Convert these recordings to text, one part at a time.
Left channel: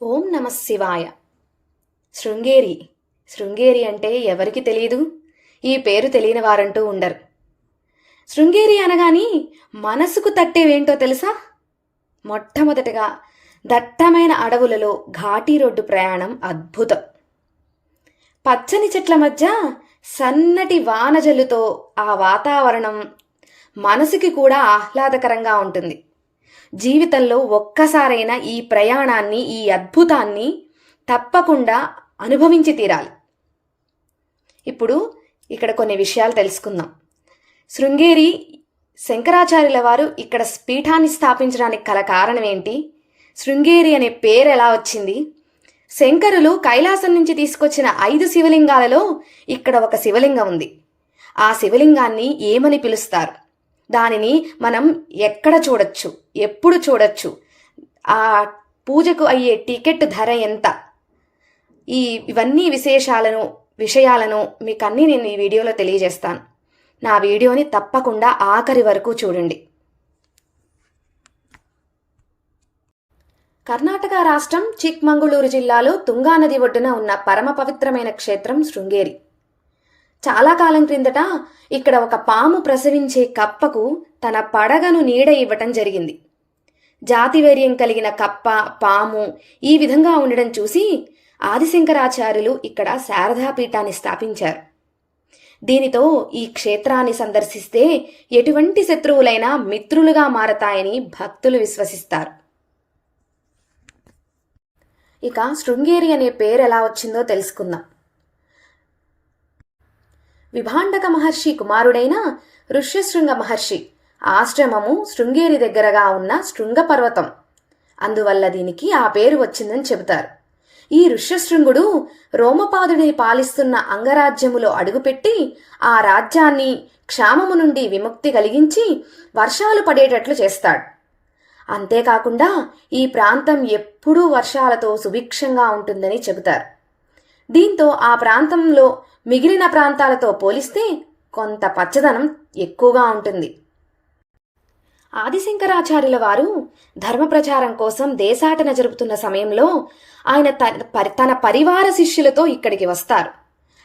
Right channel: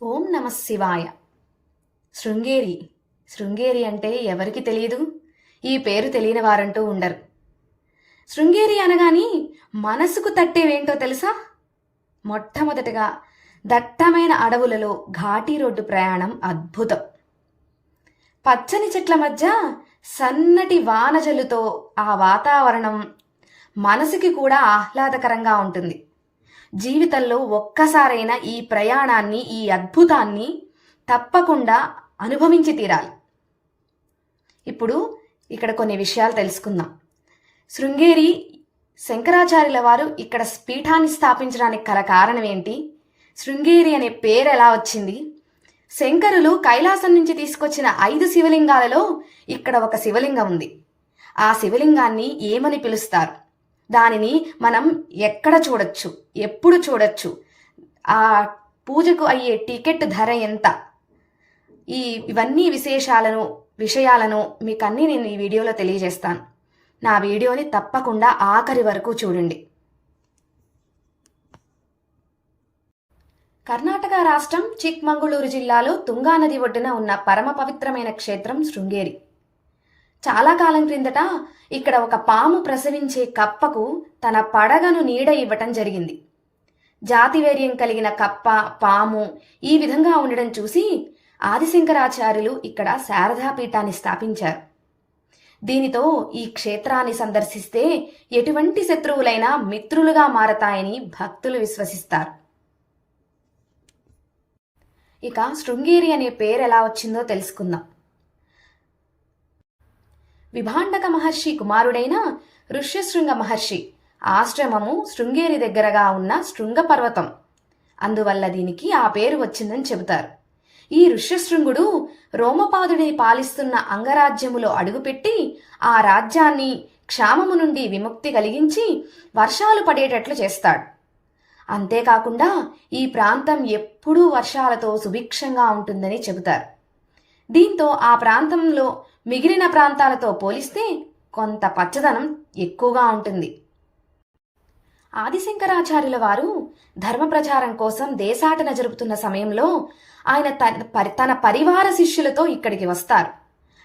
ఓం నమ శివాయ. శృంగేరి. శృంగేరి అంటే ఎవరికి తెలియదు? ఈ పేరు తెలియని వారంటూ ఉండరు. శృంగేరి అనగాని మనసుకు తట్టేవేంటో తెలుసా? మొట్టమొదటగా దట్టమైన అడవులలో ఘాటీ రోడ్డు ప్రయాణం అద్భుతం. పచ్చని చెట్ల మధ్య సన్నటి వానజల్లుతో ఆ వాతావరణం మనసుకి కూడా ఆహ్లాదకరంగా ఉంటుంది. జీవితంలో ఒక్కసారైనా ఈ ప్రయాణాన్ని, ఈ అద్భుతాన్ని తప్పకుండా అనుభవించి తీరాలి. ఇప్పుడు ఇక్కడ కొన్ని విషయాలు తెలుసుకుందాం. శృంగేరి శంకరాచార్యుల వారు ఇక్కడ పీఠాన్ని స్థాపించడానికి గల కారణం ఏంటి? శృంగేరి అనే పేరు ఎలా వచ్చింది? శంకరులు కైలాసం నుంచి తీసుకొచ్చిన 5 శివలింగాలలో ఇక్కడ ఒక శివలింగం ఉంది. ఆ శివలింగాన్ని ఏమని పిలుస్తారు? దానిని మనం ఎక్కడ చూడొచ్చు, ఎప్పుడు చూడొచ్చు, ఆ పూజకు అయ్యే టికెట్ ధర ఎంత, ఇవన్నీ విషయాలను మీకన్నీ నేను ఈ వీడియోలో తెలియజేస్తాను. నా వీడియోని తప్పకుండా ఆఖరి వరకు చూడండి. కర్ణాటక రాష్ట్రం చిక్మంగళూరు జిల్లాలో తుంగా నది ఒడ్డున ఉన్న పరమ పవిత్రమైన క్షేత్రం శృంగేరి. చాలా కాలం క్రిందట ఇక్కడ ఒక పాము ప్రసవించే కప్పకు తన పడగను నీడ ఇవ్వటం జరిగింది. జాతివైర్యం కలిగిన కప్ప, పాము ఈ విధంగా ఉండడం చూసి ఆదిశంకరాచార్యులు ఇక్కడ శారదాపీఠాన్ని స్థాపించారు. దీనితో ఈ క్షేత్రాన్ని సందర్శిస్తే ఎటువంటి శత్రువులైనా మిత్రులుగా మారతాయని భక్తులు విశ్వసిస్తారు. ఇక శృంగేరి అనే పేరు ఎలా వచ్చిందో తెలుసుకుందాం. విభాండక మహర్షి కుమారుడైన ఋష్యశృంగ మహర్షి ఆశ్రమము శృంగేరి దగ్గరగా ఉన్న శృంగ పర్వతం. అందువల్ల దీనికి ఆ పేరు వచ్చిందని చెబుతారు. ఈ ఋష్యశృంగుడు రోమపాదుడిని పాలిస్తున్న అంగరాజ్యములో అడుగుపెట్టి ఆ రాజ్యాన్ని క్షామము నుండి విముక్తి కలిగించి వర్షాలు పడేటట్లు చేస్తాడు. అంతేకాకుండా ఈ ప్రాంతం ఎప్పుడూ వర్షాలతో సుభిక్షంగా ఉంటుందని చెబుతారు. దీంతో ఆ ప్రాంతంలో మిగిలిన ప్రాంతాలతో పోలిస్తే కొంత పచ్చదనం ఎక్కువగా ఉంటుంది. ఆదిశంకరాచార్యుల వారు ధర్మ ప్రచారం కోసం దేశాటన జరుపుతున్న సమయంలో ఆయన తన పరివార శిష్యులతో ఇక్కడికి వస్తారు.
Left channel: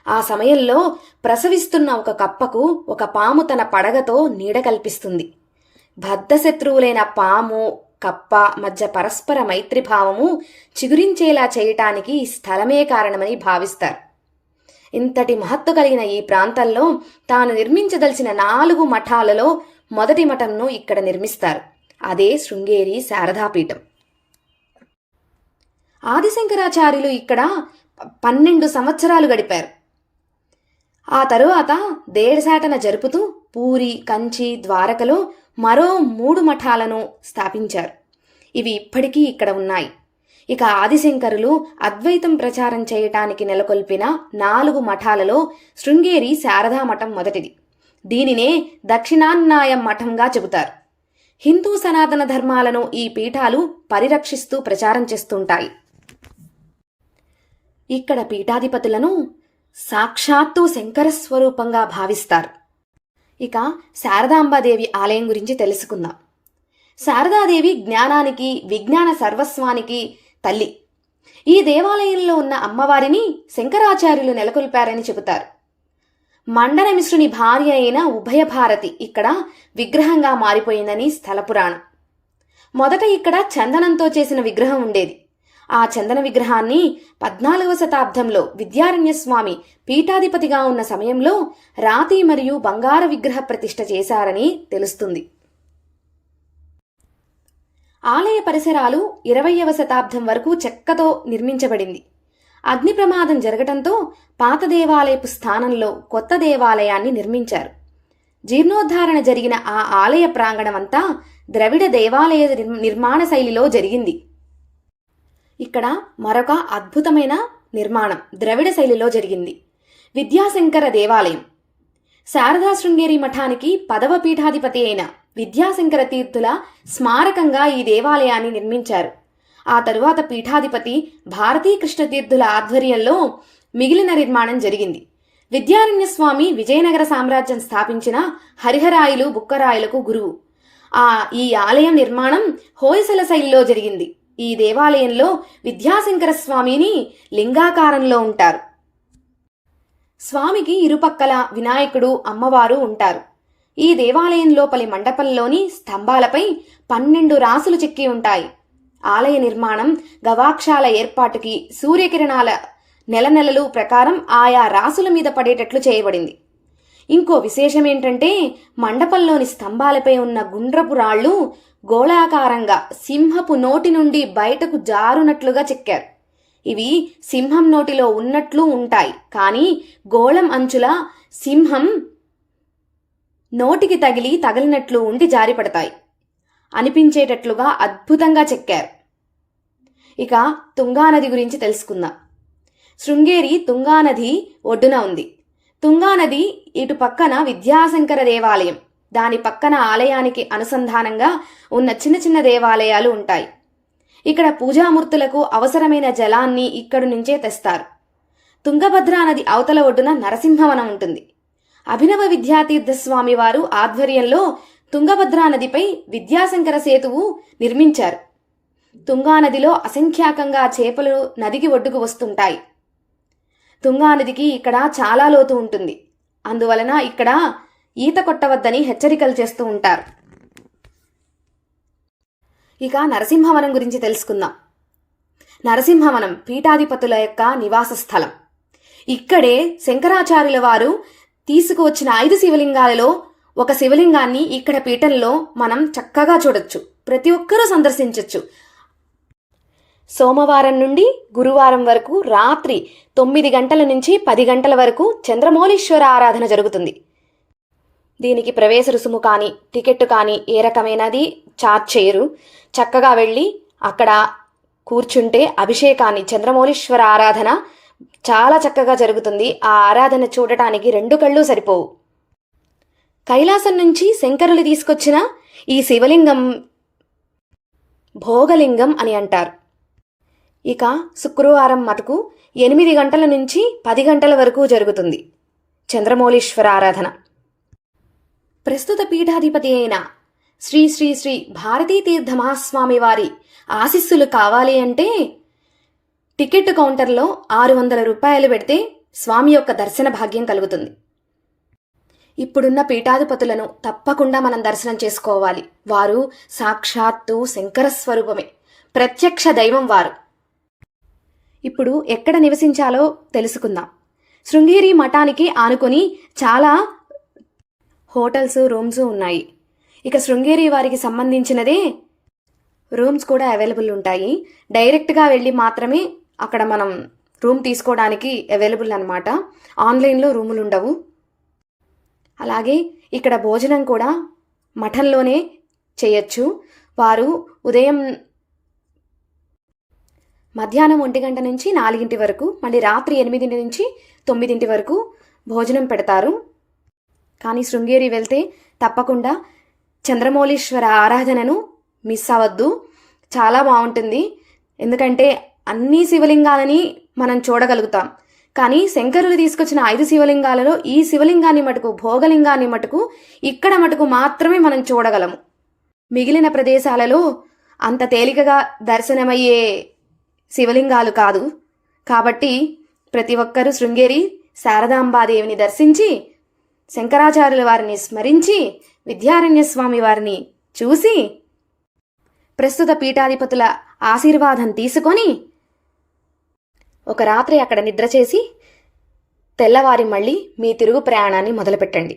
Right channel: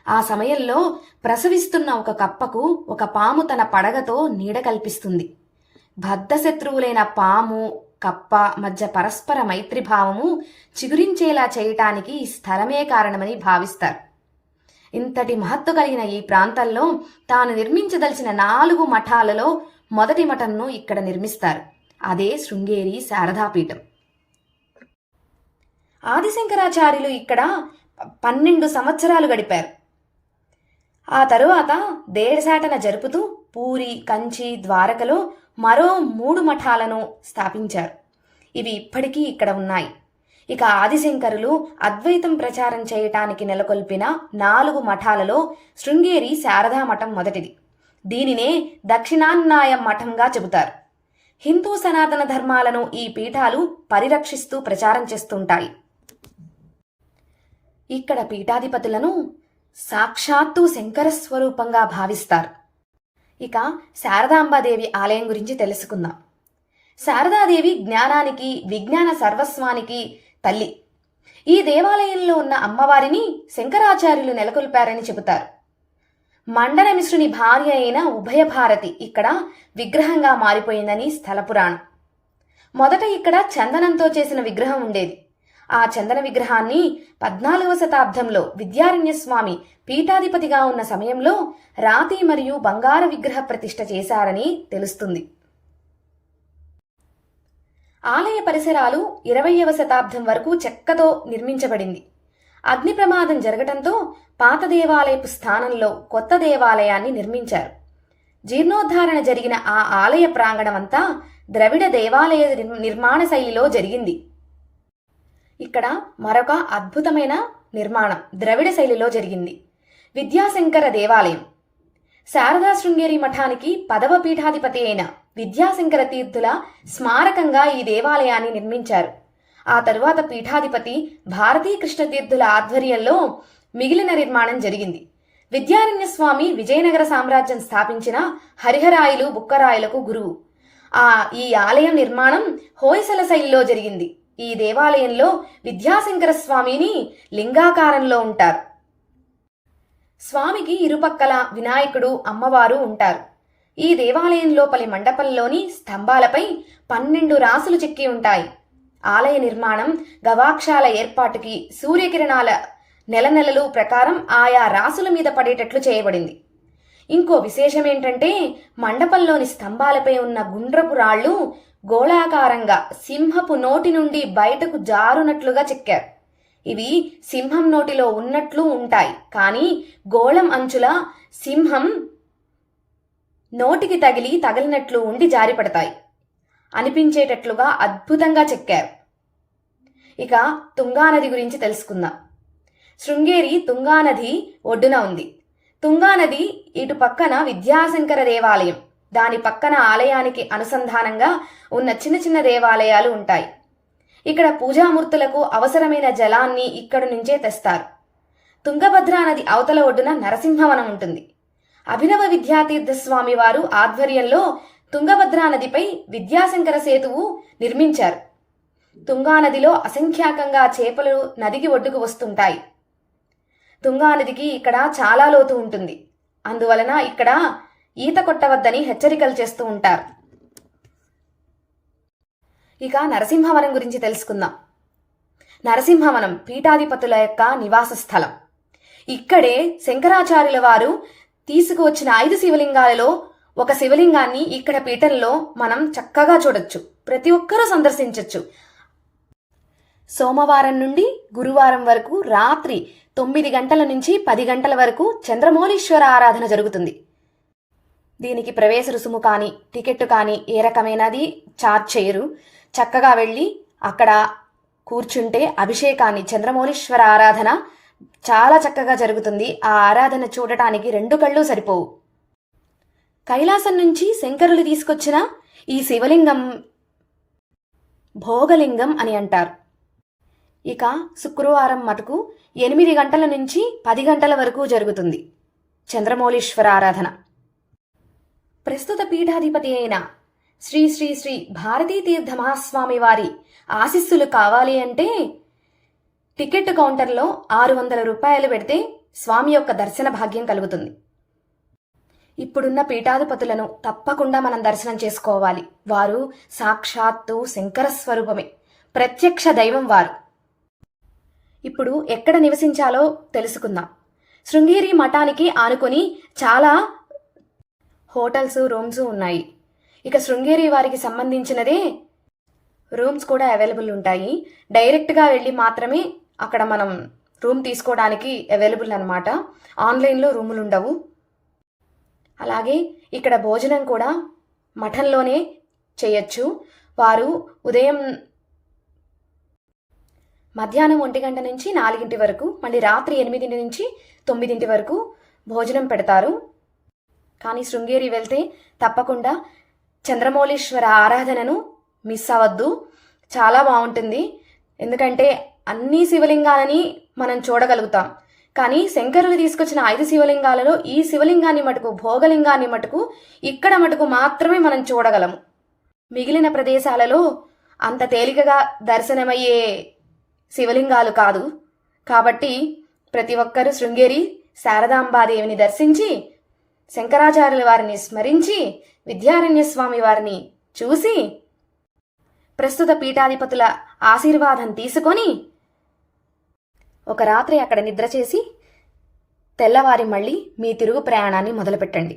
ఆ సమయంలో ప్రసవిస్తున్న ఒక కప్పకు ఒక పాము తన పడగతో నీడ కల్పిస్తుంది. బద్ధశత్రువులైన పాము, కప్ప మధ్య పరస్పర మైత్రిభావము చిగురించేలా చేయటానికి ఈ స్థలమే కారణమని భావిస్తారు. ఇంతటి మహత్తు కలిగిన ఈ ప్రాంతంలో తాను నిర్మించదలిచిన 4 మఠాలలో మొదటి మఠంను ఇక్కడ నిర్మిస్తారు. అదే శృంగేరి శారదాపీఠం. ఆదిశంకరాచార్యులు ఇక్కడ 12 సంవత్సరాలు గడిపారు. ఆ తరువాత దేశాటన జరుపుతూ పూరి, కంచి, ద్వారకలో మరో 3 మఠాలను స్థాపించారు. ఇవి ఇప్పటికీ ఇక్కడ ఉన్నాయి. ఇక ఆదిశంకరులు అద్వైతం ప్రచారం చేయటానికి నెలకొల్పిన 4 మఠాలలో శృంగేరి శారదా మఠం మొదటిది. దీనినే దక్షిణాన్నాయ మఠంగా చెబుతారు. హిందూ సనాతన ధర్మాలను ఈ పీఠాలు పరిరక్షిస్తూ ప్రచారం చేస్తుంటాయి. ఇక్కడ పీఠాధిపతులను సాక్షాత్తు శంకర స్వరూపంగా భావిస్తారు. ఇక శారదాంబాదేవి ఆలయం గురించి తెలుసుకుందాం. శారదాదేవి జ్ఞానానికి, విజ్ఞాన సర్వస్వానికి తల్లి. ఈ దేవాలయంలో ఉన్న అమ్మవారిని శంకరాచార్యులు నెలకొల్పారని చెబుతారు. మండనమిశ్రుని భార్య అయిన ఉభయభారతి ఇక్కడ విగ్రహంగా మారిపోయిందని స్థల పురాణం. మొదట ఇక్కడ చందనంతో చేసిన విగ్రహం ఉండేది. ఆ చందన విగ్రహాన్ని 14వ శతాబ్దంలో విద్యారణ్య స్వామి పీఠాధిపతిగా ఉన్న సమయంలో రాతి మరియు బంగారు విగ్రహ ప్రతిష్ఠ చేశారని తెలుస్తుంది. ఆలయ పరిసరాలు 20వ శతాబ్దం వరకు చెక్కతో నిర్మించబడింది. అగ్ని ప్రమాదం జరగటంతో పాత దేవాలయపు స్థానంలో కొత్త దేవాలయాన్ని నిర్మించారు. జీర్ణోద్ధారణ జరిగిన ఆ ఆలయ ప్రాంగణం అంతా ద్రవిడ దేవాలయ నిర్మాణ శైలిలో జరిగింది. ఇక్కడ మరొక అద్భుతమైన నిర్మాణం ద్రవిడ శైలిలో జరిగింది. విద్యాశంకర దేవాలయం. శారదా శృంగేరి మఠానికి 10వ పీఠాధిపతి అయిన విద్యాశంకర తీర్థుల స్మారకంగా ఈ దేవాలయాన్ని నిర్మించారు. ఆ తరువాత పీఠాధిపతి భారతీ కృష్ణ తీర్థుల ఆధ్వర్యంలో మిగిలిన నిర్మాణం జరిగింది. విద్యారణ్య స్వామి విజయనగర సామ్రాజ్యం స్థాపించిన హరిహరాయలు, బుక్కరాయలకు గురువు. ఈ ఆలయం నిర్మాణం హోయసల శైలిలో జరిగింది. ఈ దేవాలయంలో విద్యాశంకర స్వామిని లింగాకారంలో ఉంటారు. స్వామికి ఇరుపక్కల వినాయకుడు, అమ్మవారు ఉంటారు. ఈ దేవాలయం లోపలి మండపంలోని స్తంభాలపై 12 రాసులు చెక్కి ఉంటాయి. ఆలయ నిర్మాణం గవాక్షాల ఏర్పాటుకి సూర్యకిరణాల నెలలు ప్రకారం ఆయా రాసుల మీద పడేటట్లు చేయబడింది. ఇంకో విశేషం ఏంటంటే మండపంలోని స్తంభాలపై ఉన్న గుండ్రపు రాళ్లు గోళాకారంగా సింహపు నోటి నుండి బయటకు జారునట్లుగా చెక్కారు. ఇవి సింహం నోటిలో ఉన్నట్లు ఉంటాయి, కానీ గోళం అంచుల సింహం నోటికి తగిలినట్లు ఉండి జారిపడతాయి అనిపించేటట్లుగా అద్భుతంగా చెక్కారు. ఇక తుంగానది గురించి తెలుసుకుందాం. శృంగేరి తుంగానది ఒడ్డున ఉంది. తుంగానది ఇటు పక్కన విద్యాశంకర దేవాలయం, దాని పక్కన ఆలయానికి అనుసంధానంగా ఉన్న చిన్న చిన్న దేవాలయాలు ఉంటాయి. ఇక్కడ పూజామూర్తులకు అవసరమైన జలాన్ని ఇక్కడి నుంచే తెస్తారు. తుంగభద్రా నది అవతల ఒడ్డున నరసింహవనం ఉంటుంది. అభినవ విద్యాతీర్థ స్వామి వారు ఆధ్వర్యంలో తుంగభద్రా నదిపై విద్యాశంకర సేతువు నిర్మించారు. తుంగానదిలో అసంఖ్యాకంగా చేపలు నదికి ఒడ్డుకు వస్తుంటాయి. తుంగానదికి ఇక్కడ చాలా లోతు ఉంటుంది. అందువలన ఇక్కడ ఈత కొట్టవద్దని హెచ్చరికలు చేస్తూ ఉంటారు. ఇక నరసింహవనం గురించి తెలుసుకుందాం. నరసింహవనం పీఠాధిపతుల యొక్క నివాస స్థలం. ఇక్కడే శంకరాచార్యుల వారు తీసుకువచ్చిన 5 శివలింగాలలో ఒక శివలింగాన్ని ఇక్కడ పీఠంలో మనం చక్కగా చూడొచ్చు. ప్రతి ఒక్కరూ సందర్శించవచ్చు. సోమవారం నుండి గురువారం వరకు రాత్రి 9 గంటల నుంచి 10 గంటల వరకు చంద్రమౌళీశ్వర ఆరాధన జరుగుతుంది. దీనికి ప్రవేశ రుసుము కానీ టికెట్ కానీ ఏ రకమైనది ఛార్జ్ చేయరు. చక్కగా వెళ్ళి అక్కడ కూర్చుంటే అభిషేకాన్ని, చంద్రమౌళీశ్వర ఆరాధన చాలా చక్కగా జరుగుతుంది. ఆ ఆరాధన చూడటానికి 2 కళ్ళు సరిపోవు. కైలాసం నుంచి శంకరులు తీసుకొచ్చిన ఈ శివలింగం భోగలింగం అని అంటారు. ఇక శుక్రవారం మటుకు 8 గంటల నుంచి 10 గంటల వరకు జరుగుతుంది చంద్రమౌళీశ్వర ఆరాధన. ప్రస్తుత పీఠాధిపతి అయిన శ్రీ శ్రీ శ్రీ భారతీ తీర్థ మహాస్వామి వారి ఆశీస్సులు కావాలి అంటే టికెట్ కౌంటర్లో 600 రూపాయలు పెడితే స్వామి యొక్క దర్శన భాగ్యం కలుగుతుంది. ఇప్పుడున్న పీఠాధిపతులను తప్పకుండా మనం దర్శనం చేసుకోవాలి. వారు సాక్షాత్తు శంకర స్వరూపమే, ప్రత్యక్ష దైవం వారు. ఇప్పుడు ఎక్కడ నివసించాలో తెలుసుకుందాం. శృంగేరి మఠానికి ఆనుకొని చాలా హోటల్స్, రూమ్స్ ఉన్నాయి. ఇక శృంగేరి వారికి సంబంధించినదే రూమ్స్ కూడా అవైలబుల్ ఉంటాయి. డైరెక్ట్గా వెళ్ళి మాత్రమే అక్కడ మనం రూమ్ తీసుకోవడానికి అవైలబుల్ అన్నమాట. ఆన్లైన్లో రూములు ఉండవు. అలాగే ఇక్కడ భోజనం కూడా మఠంలోనే చేయొచ్చు. వారు ఉదయం మధ్యాహ్నం 1 గంట నుంచి 4 వరకు, మళ్ళీ రాత్రి 8 నుంచి 9 వరకు భోజనం పెడతారు. కానీ శృంగేరి వెళ్తే తప్పకుండా చంద్రమౌళీశ్వర ఆరాధనను మిస్ అవ్వద్దు. చాలా బాగుంటుంది. ఎందుకంటే అన్ని శివలింగాలని మనం చూడగలుగుతాం. కానీ శంకరులు తీసుకొచ్చిన 5 శివలింగాలలో ఈ శివలింగాన్ని మటుకు, భోగలింగాన్ని మటుకు ఇక్కడ మటుకు మాత్రమే మనం చూడగలము. మిగిలిన ప్రదేశాలలో అంత తేలికగా దర్శనమయ్యే శివలింగాలు కాదు. కాబట్టి ప్రతి ఒక్కరూ శృంగేరి శారదాంబాదేవిని దర్శించి, శంకరాచార్యుల వారిని స్మరించి, విద్యారణ్య స్వామి వారిని చూసి, ప్రస్తుత పీఠాధిపతుల ఆశీర్వాదం తీసుకొని ఒక రాత్రి అక్కడ నిద్ర చేసి తెల్లవారి మళ్ళీ మీ తిరుగు ప్రయాణాన్ని మొదలుపెట్టండి.